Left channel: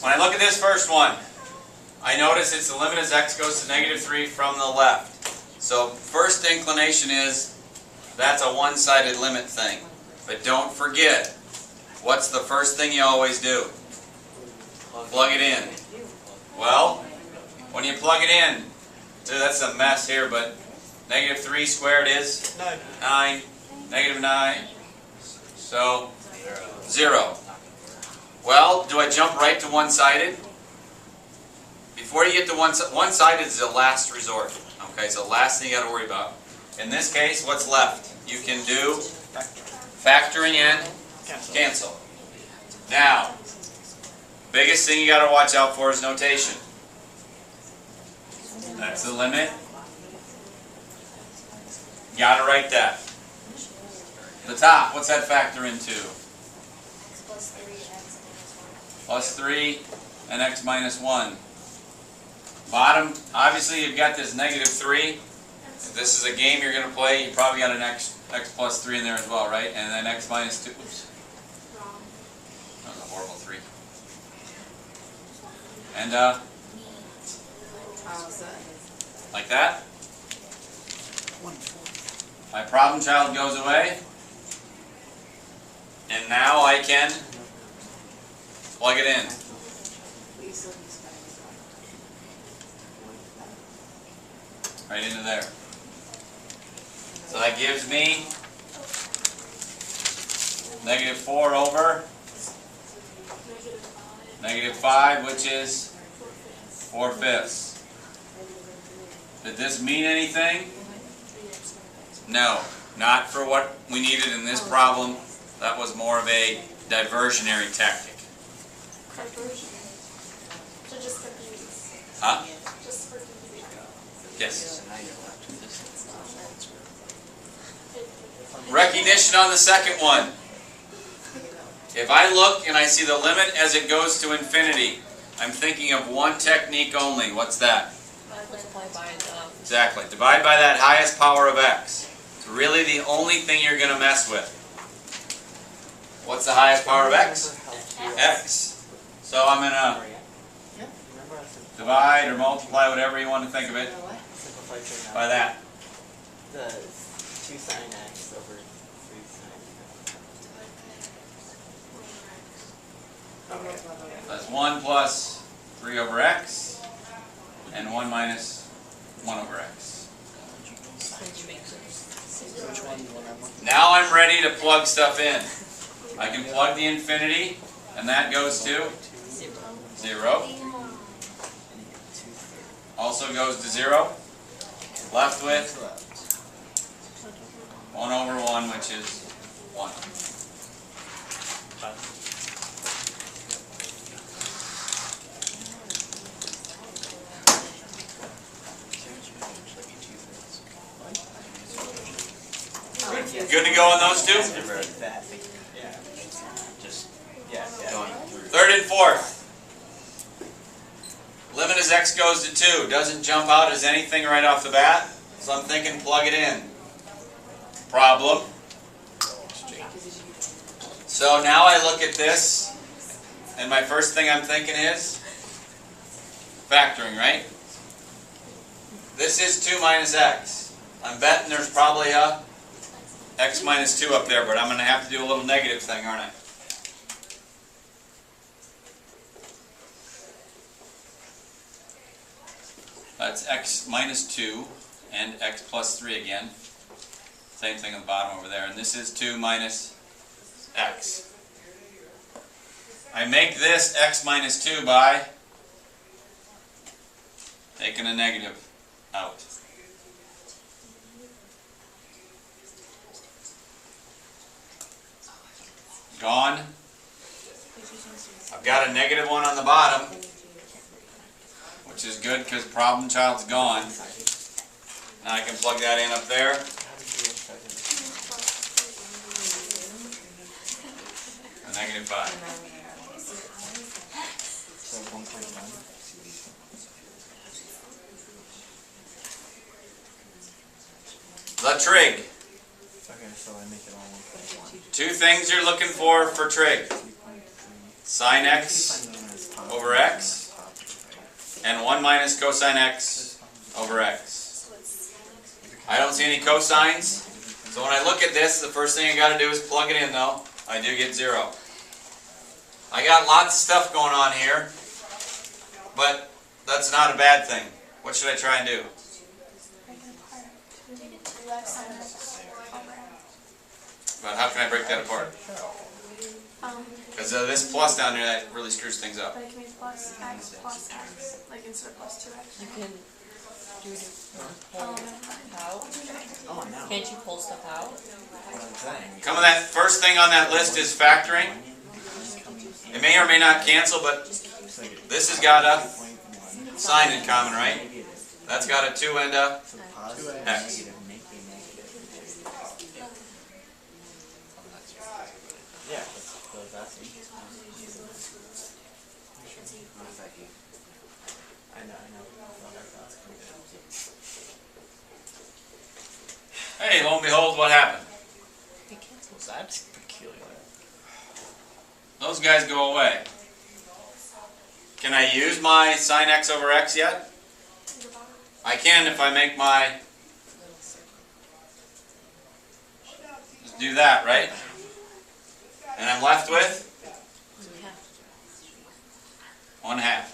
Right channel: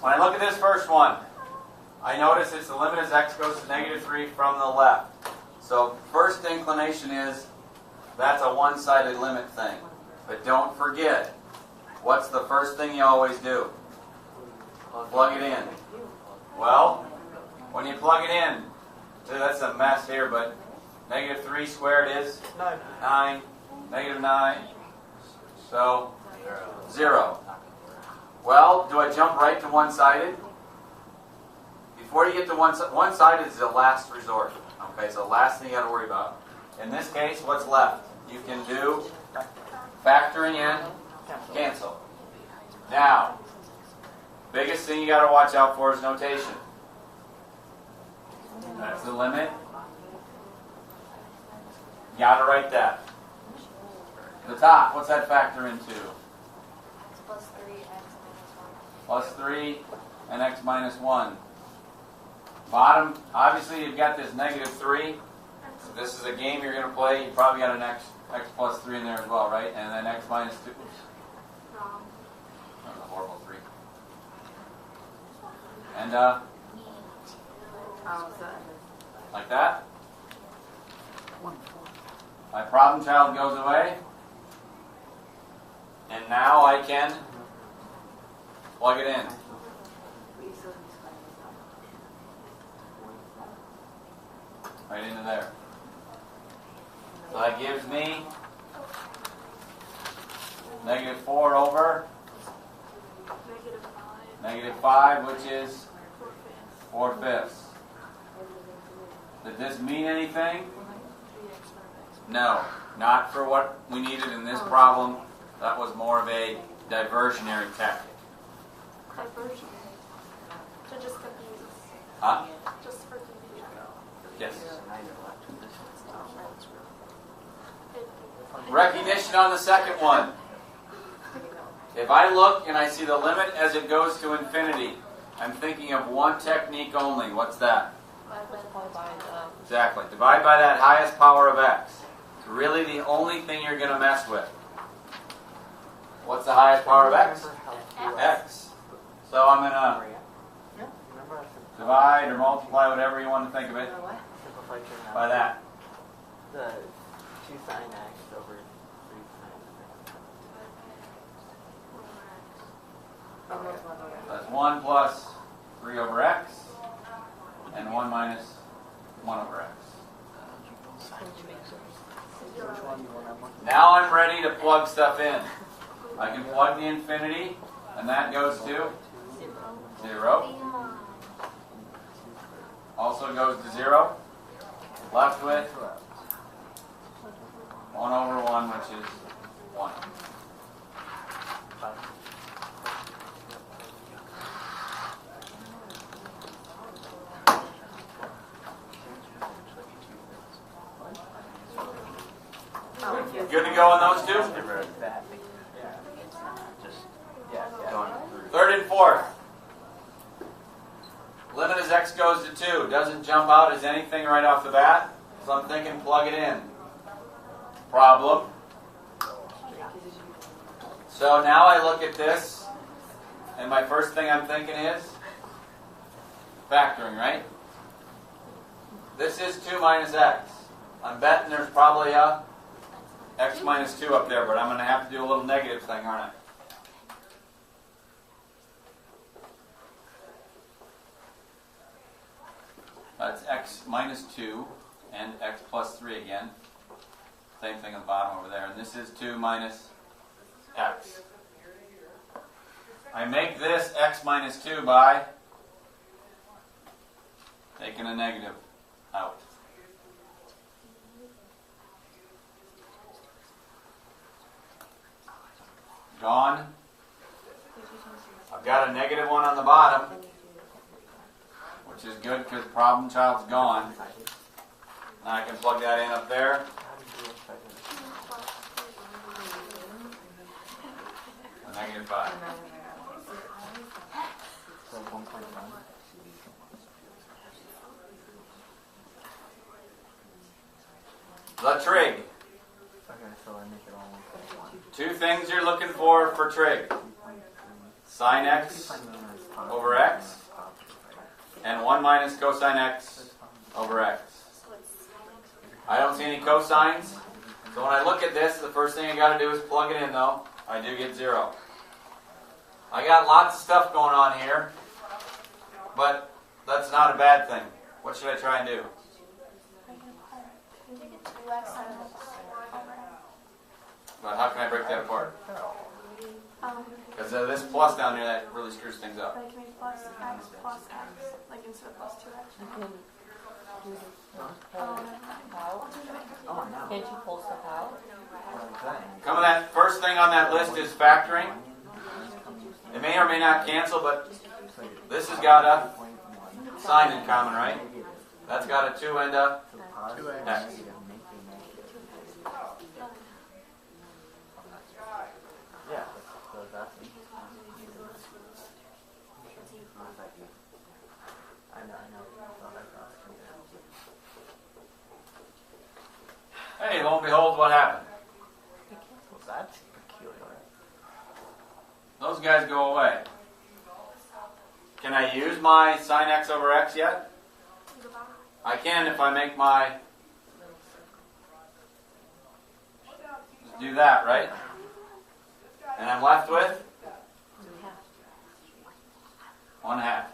When I look at this first one, I notice it's the limit as x goes to -3 from the left. So first inclination is that's a one-sided limit thing. But don't forget, what's the first thing you always do? Plug it in. Well, when you plug it in, that's a mess here, but -3 squared is 9. -9. So 0. Well, do I jump right to one-sided? Before you get to one-sided is the last resort. Okay, so the last thing you got to worry about. In this case, what's left? You can do factoring in, cancel. Now, biggest thing you got to watch out for is notation. That's the limit. Got to write that. The top, what's that factor into? Plus 3 and x minus 1. Bottom, obviously you've got this -3. If this is a game you're going to play, you probably got an x plus 3 in there as well, right? And then x minus 2. Oops. Wrong. That was a horrible 3. And like that. My problem child goes away. And now I can plug it in. Right into there. So that gives me -4 over -5, which is 4/5. Did this mean anything? No, not for what we needed in this problem. That was more of a diversionary tactic. Diversion. So just confuse. Huh? Just for confusion. Yes. Recognition on the second one. If I look and I see the limit as it goes to infinity, I'm thinking of one technique only. What's that? Multiply by the... Exactly. Divide by that highest power of x. It's really the only thing you're going to mess with. What's the highest power of x? X. So I'm going to divide or multiply, whatever you want to think of it, by that. The 2 sine x over 3 sine. That's 1 plus 3 over x, and 1 minus 1 over x. Now I'm ready to plug stuff in. I can plug the infinity, and that goes to 0. Also goes to 0. Left with 1 over 1, which is 1. Good to go on those two? Third and fourth. Limit as x goes to 2. Doesn't jump out as anything right off the bat. So I'm thinking plug it in. Problem. So now I look at this, and my first thing I'm thinking is factoring, right? This is 2 minus x. I'm betting there's probably a x minus 2 up there, but I'm going to have to do a little negative thing, aren't I? That's x minus 2 and x plus 3 again. Same thing at the bottom over there. And this is 2 minus x. I make this x minus 2 by taking a negative out. Gone. I've got a negative 1 on the bottom, which is good because problem child's gone. Now I can plug that in up there. A -5. So 1.1. The trig. Okay, so I make it all 1.1. Two things you're looking for trig. Sine x over x, and 1 minus cosine x over x. So it's I don't see any cosines, so when I look at this, the first thing I gotta do is plug it in though. I do get 0. I got lots of stuff going on here, but that's not a bad thing. What should I try and do? left side of x over x. But how can I break that apart? Because this plus down there, that really screws things up. Like make plus x, like instead of plus 2x. You can do the Oh, pull never mind. out. Oh, no. Can't you pull stuff out? What I'm saying. Come on, that first thing on that list is factoring. It may or may not cancel, but this has got a sign in common, right? That's got a 2 and a So positive, X. negative, make a negative. Yeah, that's awesome. I know. Oh, that's awesome. Hey, lo and behold, what happened? It cancels. Was that peculiar? Those guys go away. Can I use my sine x over x yet? I can if I make my, just do that, right? And I'm left with Yeah. 1/2.